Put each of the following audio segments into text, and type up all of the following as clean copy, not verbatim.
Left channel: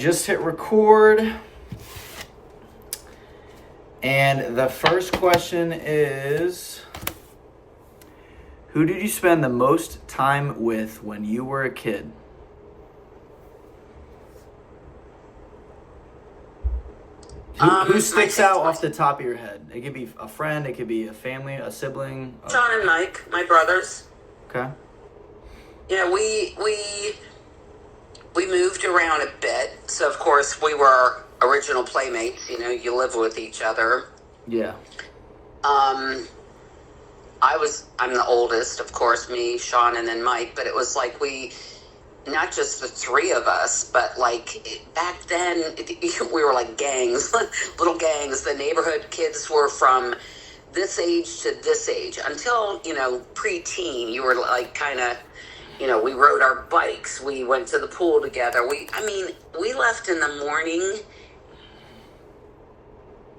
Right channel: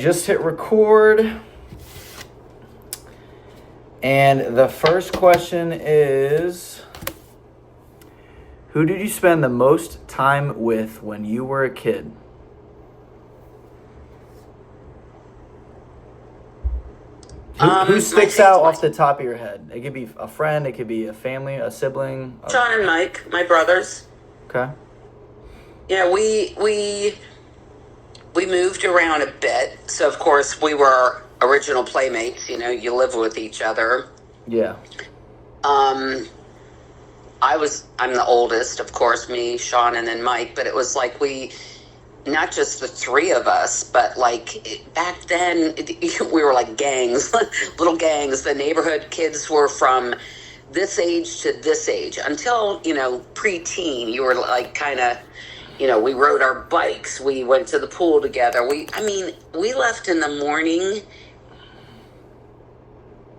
Just hit record. And the first question is, who did you spend the most time with when you were a kid? Who sticks out off the top of your head? It could be a friend, it could be a family, a sibling. Sean and Mike, my brothers. Okay. Yeah, we moved around a bit, so of course we were original playmates. You know, you live with each other. Yeah. I'm the oldest, of course, me, Sean, and then Mike. But it was like not just the three of us, but like back then we were like gangs, little gangs. The neighborhood kids were from this age to this age until, preteen. You were like kind of, we rode our bikes. We went to the pool together. We left in the morning.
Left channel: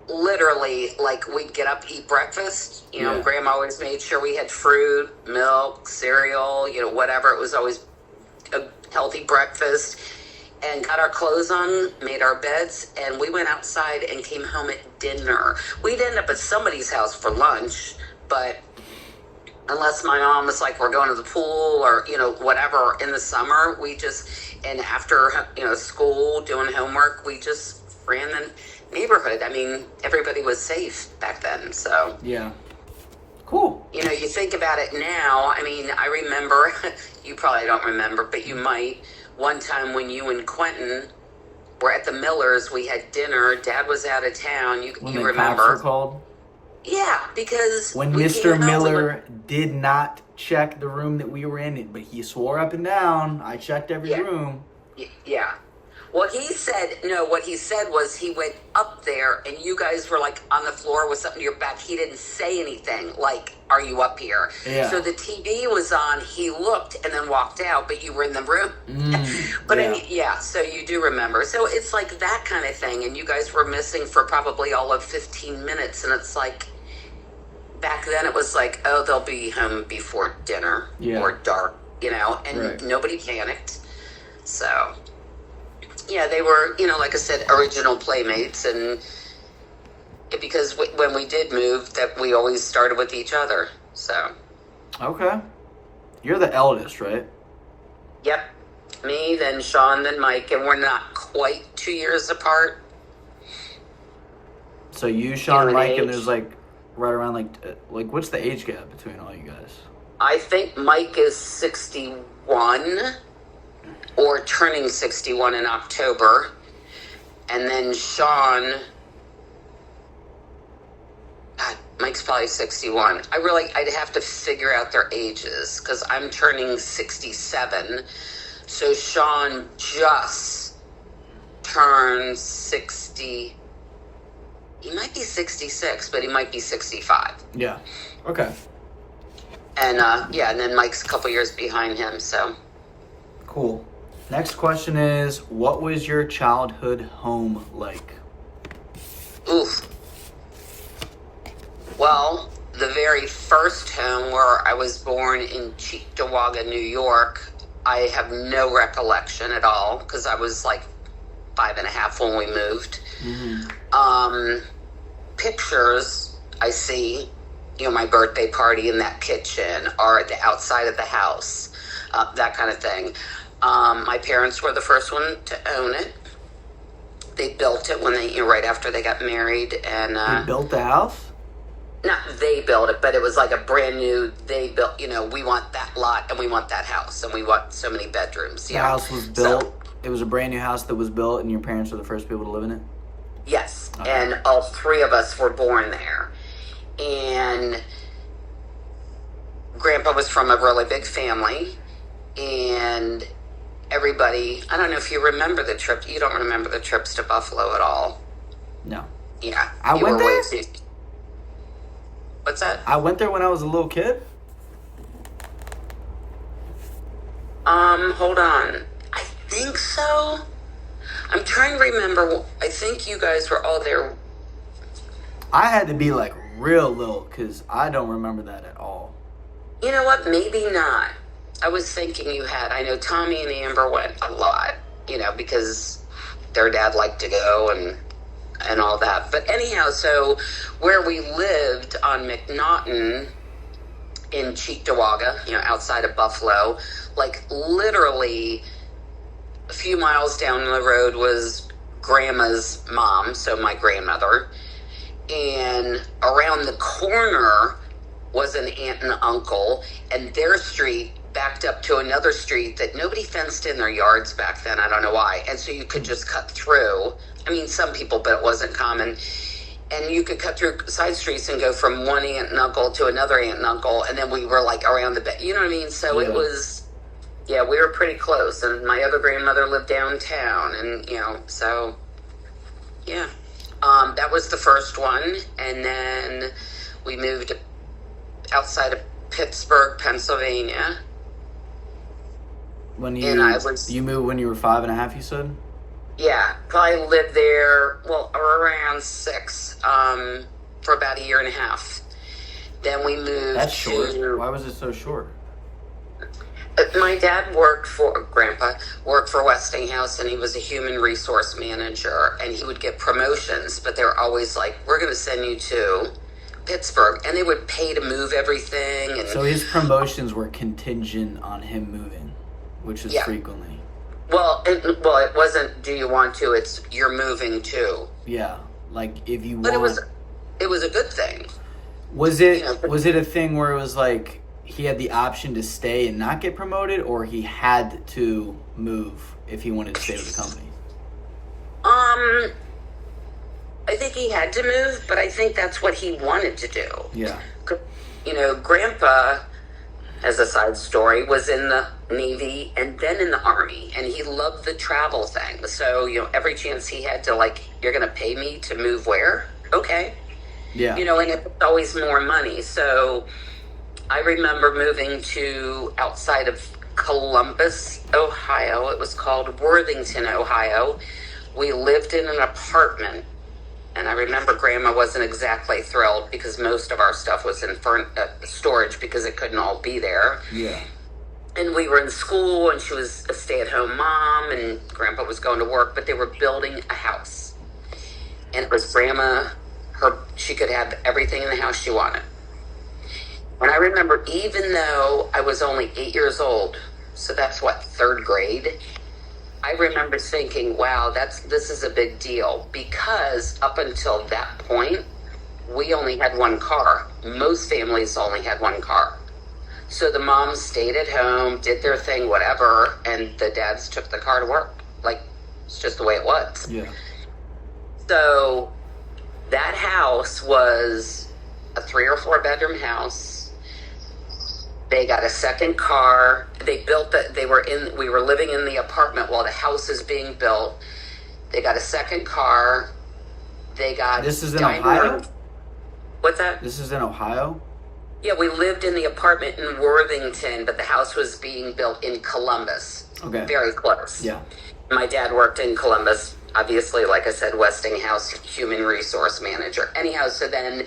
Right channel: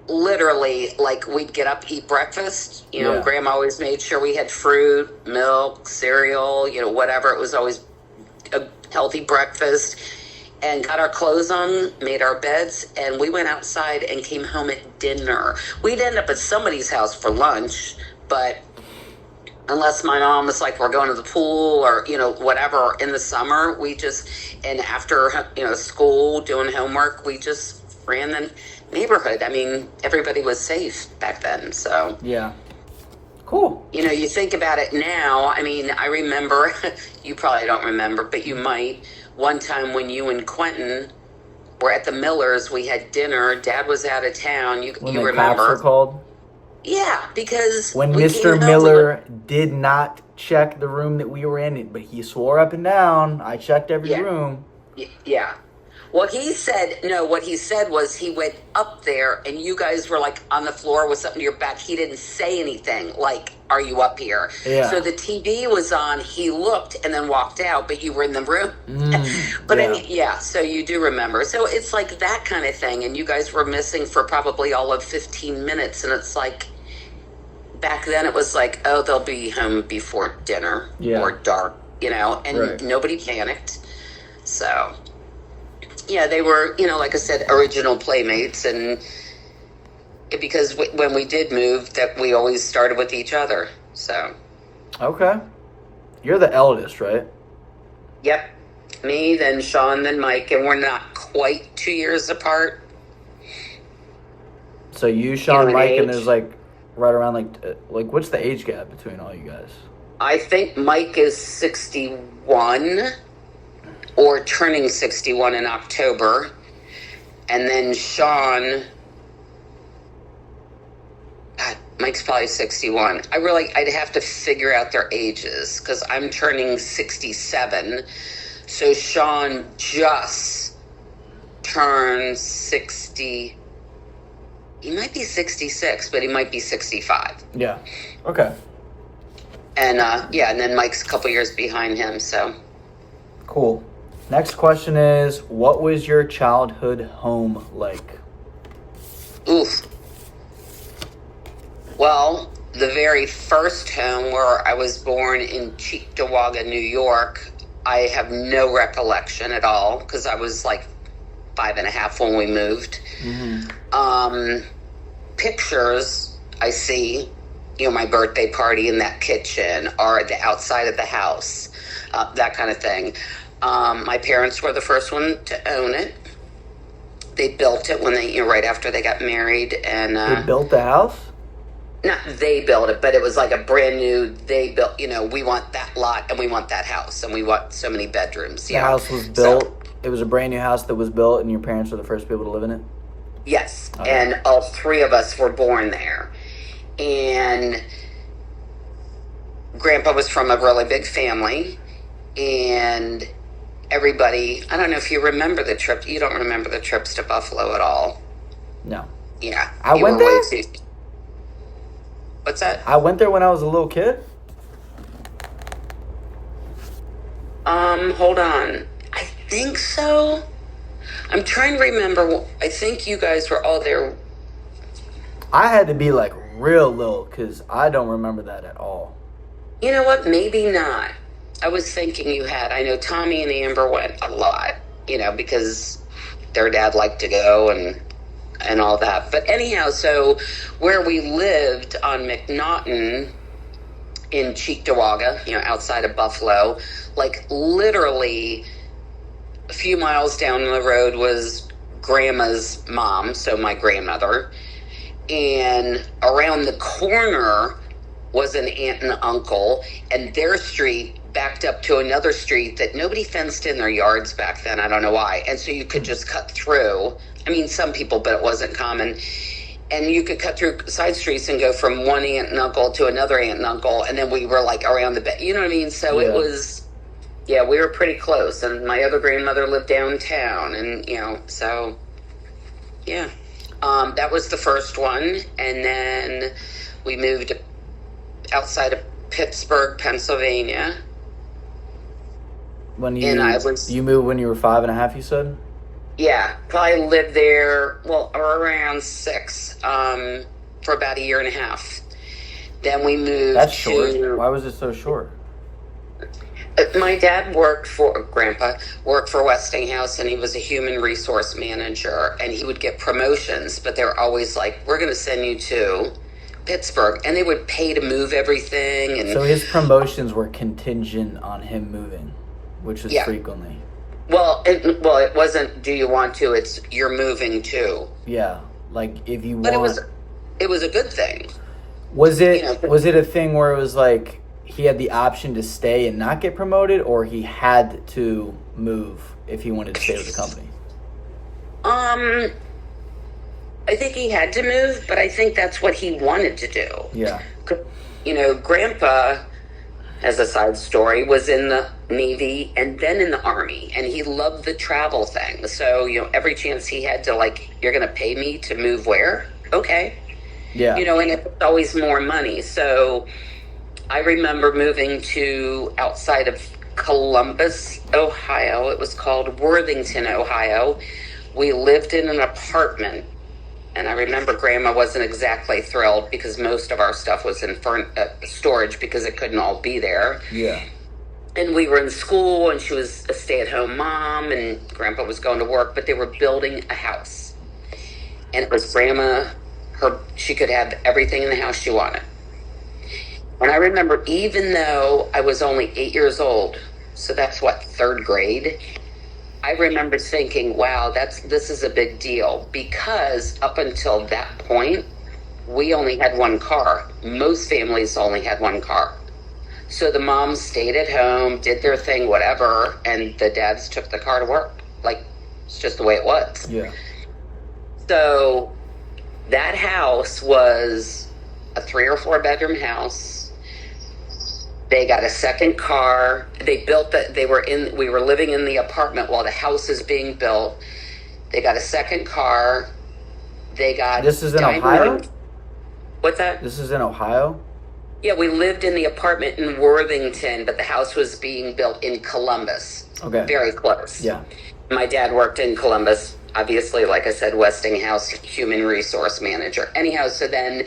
Literally, like, we'd get up, eat breakfast. Grandma always made sure we had fruit, milk, cereal, whatever. It was always a healthy breakfast. And got our clothes on, made our beds, and we went outside and came home at dinner. We'd end up at somebody's house for lunch, but unless my mom was like, we're going to the pool or, whatever in the summer, and after, school, doing homework, we just ran the neighborhood. I mean, everybody was safe back then, so. Yeah. Cool. You think about it now. I mean, I remember, you probably don't remember, but you might. One time when you and Quentin were at the Millers, we had dinner. Dad was out of town. When you the remember. cops were called? Yeah, because... When Mr. Miller did not check the room that we were in, but he swore up and down, I checked every room. Yeah. What he said was he went up there and you guys were like on the floor with something to your back. He didn't say anything like, are you up here? Yeah. So the TV was on, he looked and then walked out, but you were in the room. So you do remember. So it's like that kind of thing. And you guys were missing for probably all of 15 minutes. And it's like, back then it was like, oh, they'll be home before dinner or dark, and nobody panicked. So... yeah, they were, like I said, original playmates, and because when we did move, that we always started with each other, so. Okay. You're the eldest, right? Yep. Me, then Sean, then Mike, and we're not quite 2 years apart. So you, Sean, Mike, and there's like right around like what's the age gap between all you guys? I think Mike is 61. Or turning 61 in October. And then Sean, God, Mike's probably 61. I'd have to figure out their ages because I'm turning 67. So Sean just turned 60. He might be 66, but he might be 65. Yeah. Okay. And and then Mike's a couple years behind him, so. Cool. Next question is, what was your childhood home like? Oof. Well, the very first home where I was born in Cheektowaga, New York, I have no recollection at all because I was like 5.5 when we moved. Mm-hmm. Pictures I see, my birthday party in that kitchen or the outside of the house, that kind of thing. My parents were the first one to own it. They built it when right after they got married, and they built the house. Not they built it, but it was like a brand new. They built. We want that lot, and we want that house, and we want so many bedrooms. The house was built. So, it was a brand new house that was built, and your parents were the first people to live in it. Yes, okay. And all three of us were born there, and Grandpa was from a really big family, and. Everybody, I don't know if you remember the trip. You don't remember the trips to Buffalo at all. No. Yeah. I went there? What's that? I went there when I was a little kid. Hold on. I think so. I'm trying to remember. I think you guys were all there. I had to be like real little because I don't remember that at all. You know what? Maybe not. I was thinking you had. I know Tommy and Amber went a lot, because their dad liked to go and all that. But anyhow, so where we lived on McNaughton in Cheektowaga, outside of Buffalo, like literally a few miles down the road was Grandma's mom, so my grandmother, and around the corner was an aunt and uncle, and their street backed up to another street that nobody fenced in their yards back then. I don't know why. And so you could just cut through. I mean, some people, but it wasn't common. And you could cut through side streets and go from one aunt and uncle to another aunt and uncle, and then we were like around the back. You know what I mean? So It was, we were pretty close. And my other grandmother lived downtown, and so yeah. That was the first one, and then we moved outside of Pittsburgh, Pennsylvania. When you moved when you were 5.5, you said? Yeah, probably lived there, around 6, for about a year and a half. Then we moved. That's short. Why was it so short? My dad Grandpa worked for Westinghouse, and he was a human resource manager, and he would get promotions, but they were always like, we're going to send you to Pittsburgh, and they would pay to move everything. And so his promotions were contingent on him moving, which was frequently. Well, it wasn't, do you want to? It's, you're moving to. Yeah, like if you want. It was a good thing. Was it a thing where it was like he had the option to stay and not get promoted, or he had to move if he wanted to stay with the company? I think he had to move, but I think that's what he wanted to do. Yeah. Grandpa, as a side story, was in the Navy and then in the Army, and he loved the travel thing. So, every chance he had to, you're going to pay me to move where? Okay. Yeah. And it's always more money. So I remember moving to outside of Columbus, Ohio. It was called Worthington, Ohio. We lived in an apartment, and I remember Grandma wasn't exactly thrilled because most of our stuff was in storage because it couldn't all be there. Yeah. And we were in school, and she was a stay-at-home mom, and Grandpa was going to work, but they were building a house. And it was Grandma, she could have everything in the house she wanted. And I remember, even though I was only 8 years old, so that's third grade, I remember thinking, wow, this is a big deal, because up until that point, we only had one car. Most families only had one car. So the moms stayed at home, did their thing, whatever, and the dads took the car to work. It's just the way it was. Yeah. So that house was a 3 or 4 bedroom house. They got a second car. They built we were living in the apartment while the house is being built. They got a second car. This is in Ohio? What's that? This is in Ohio? Yeah, we lived in the apartment in Worthington, but the house was being built in Columbus. Okay. Very close. Yeah. My dad worked in Columbus. Obviously, like I said, Westinghouse, human resource manager. Anyhow, so then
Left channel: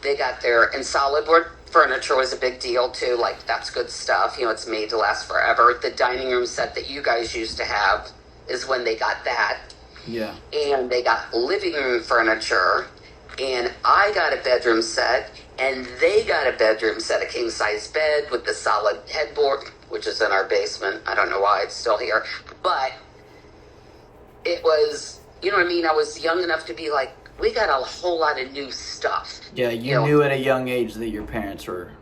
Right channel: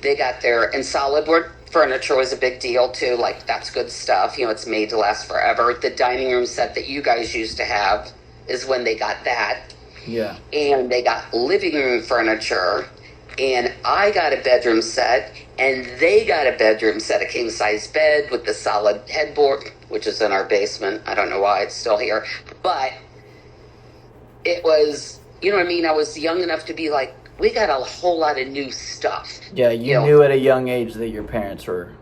they got there, and solid wood furniture was a big deal too. That's good stuff. It's made to last forever. The dining room set that you guys used to have is when they got that. Yeah. And they got living room furniture, and I got a bedroom set, and they got a bedroom set, a king-size bed with the solid headboard, which is in our basement. I don't know why it's still here, but it was, you know what I mean? I was young enough to be like, we got a whole lot of new stuff. Yeah, you knew at a young age that your parents were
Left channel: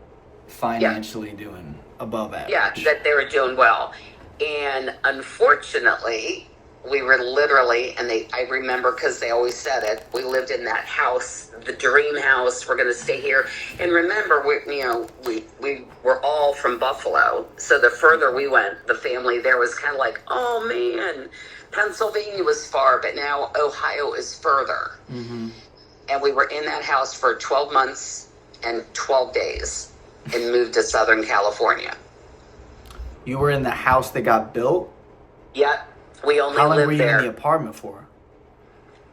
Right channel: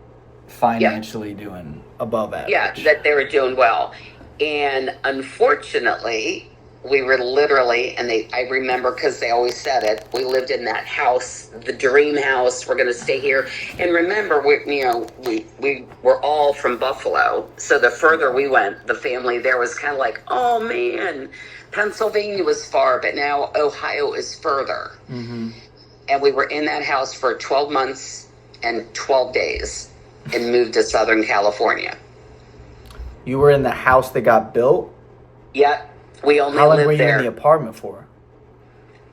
financially doing above average. Yeah, that they were doing well. And unfortunately, we were literally, and I remember because they always said it, we lived in that house, the dream house, we're going to stay here. And remember, we were all from Buffalo. So the further we went, the family there was kind of like, oh man, Pennsylvania was far, but now Ohio is further. Mm-hmm. And we were in that house for 12 months and 12 days and moved to Southern California. You were in the house that got built? Yeah. We only How long lived were you there. in the apartment for?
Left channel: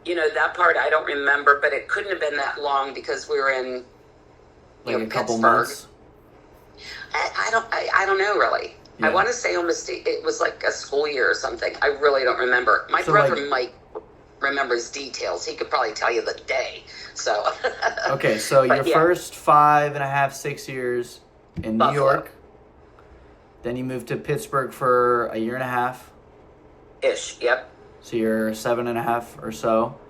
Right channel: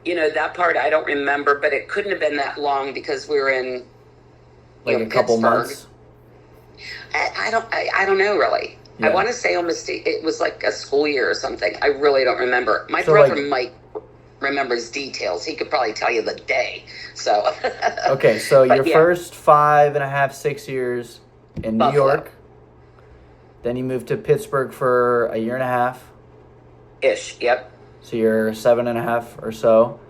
That part I don't remember, but it couldn't have been that long because we were in a couple Pittsburgh. months? I don't know really. Yeah. I want to say almost it was like a school year or something. I really don't remember. My So, brother like, might remembers details. He could probably tell you the day. So. okay, so your But yeah, first 5.5, 6 years in New Buffalo York. Then you moved to Pittsburgh for a year and a half. ish. Yep. So you're 7.5 or so.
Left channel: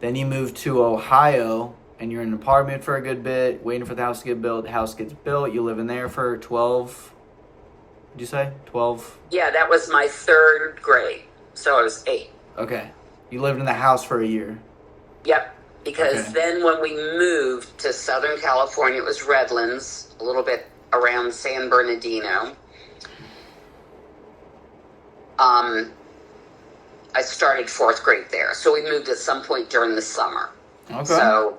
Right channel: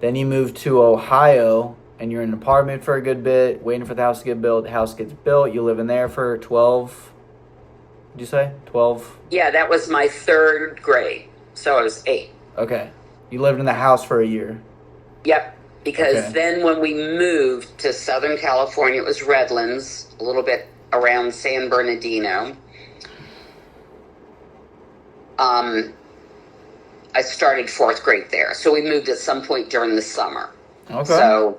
Then you moved to Ohio, and you're in an apartment for a good bit, waiting for the house to get built. The house gets built. You live in there for 12. Did you say 12? Yeah, that was my third grade. So I was 8. Okay. You lived in the house for a year. Yep. Because Okay. then when we moved to Southern California, it was Redlands, a little bit around San Bernardino. I started 4th grade there. So we moved at some point during the summer. Okay. So,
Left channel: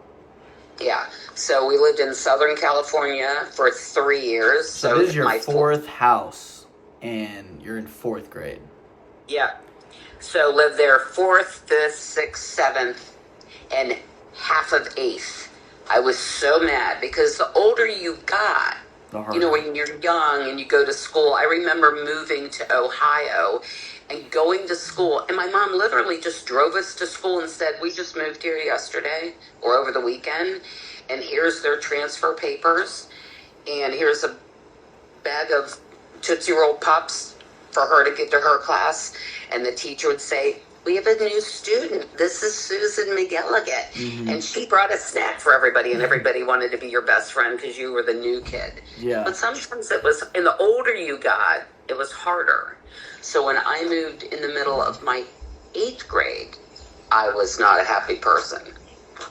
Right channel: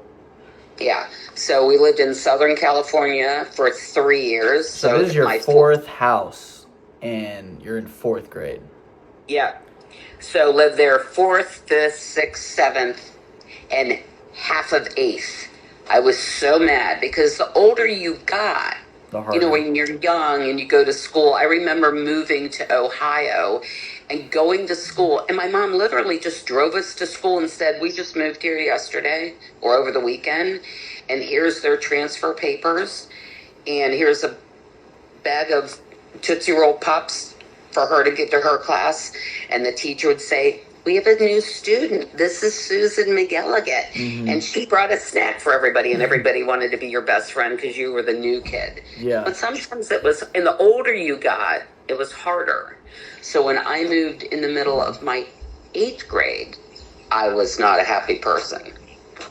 yeah. So we lived in Southern California for 3 years. So this is your fourth house, and you're in 4th grade. Yeah. So lived there 4th, 5th, 6th, 7th, and half of 8th. I was so mad because the older you got, The harder. you know, when you're young and you go to school. I remember moving to Ohio and going to school, and my mom literally just drove us to school and said, we just moved here yesterday or over the weekend, and here's their transfer papers, and here's a bag of Tootsie Roll Pops for her to get to her class. And the teacher would say, we have a new student. This is Susan McGilligan. Mm-hmm. And she brought a snack for everybody, and everybody wanted to be your best friend because you were the new kid. Yeah. But sometimes it was, and the older you got, it was harder. So when I moved in the middle of my 8th grade, I was not a happy person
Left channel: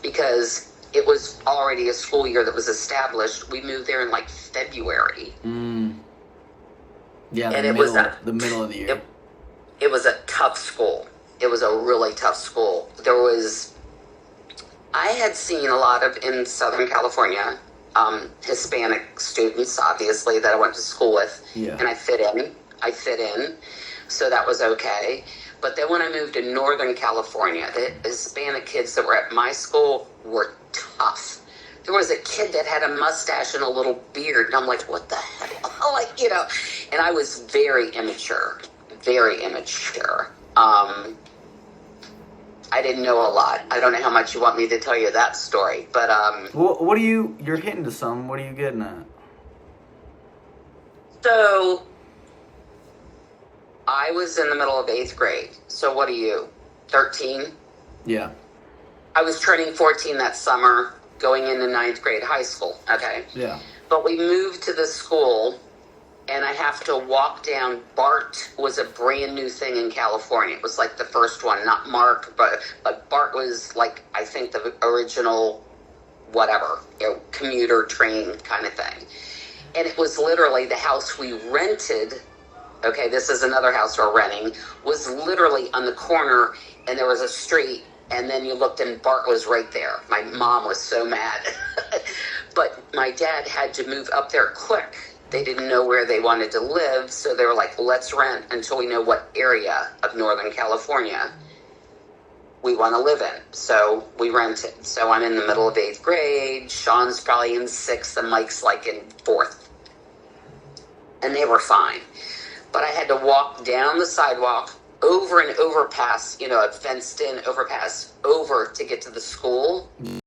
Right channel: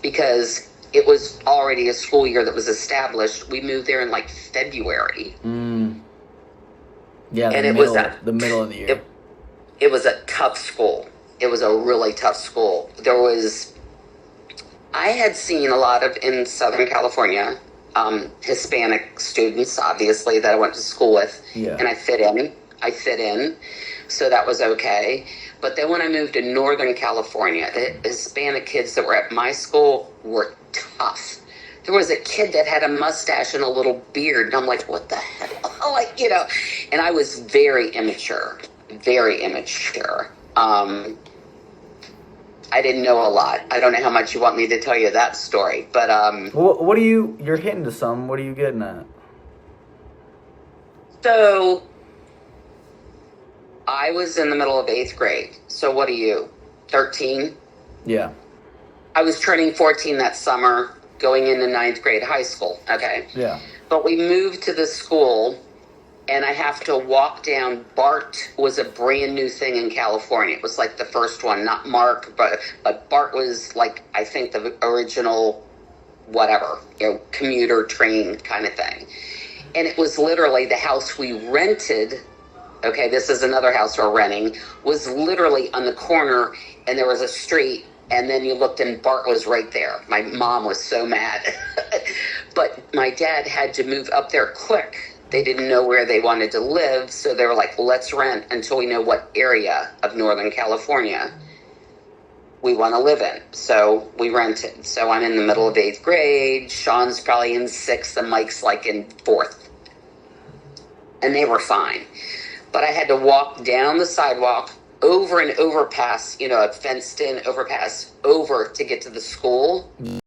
because it was already a school year that was established. We moved there in like February. Yeah, And the it was middle of the year. It was a tough school. It was a really tough school. I had seen a lot of, in Southern California, Hispanic students, obviously, that I went to school with. Yeah. And I fit in. So that was okay. But then when I moved to Northern California, the Hispanic kids that were at my school were tough. There was a kid that had a mustache and a little beard, and I'm like, what the hell? Like, you know, and I was very immature. I didn't know a lot. I don't know how much you want me to tell you that story, but What are you're hitting to some? What are you getting at? So I was in the middle of 8th grade. So what are you, 13? Yeah. I was turning 14 that summer, going into 9th grade high school. Okay. Yeah. But we moved to the school, and I have to walk down. BART was a brand new thing in California. It was like the first one, not Mark, but BART was like, I think, the original, whatever, you know, commuter train kind of thing. And it was literally the house we rented. Okay, this is another house we're renting, was literally on the corner, and there was a street, and then you looked and BART was right there. My mom was so mad. But my dad had to move up there quick. They didn't know where they wanted to live, so they were like, let's rent until we know what area of Northern California we want to live in. So we rented. So I'm in the middle of 8th grade. Sean's probably in 6th, and Mike's like in 4th. And they were fine. But I had to walk down the sidewalk, over an overpass, you know, a fenced-in overpass, over to get to the school.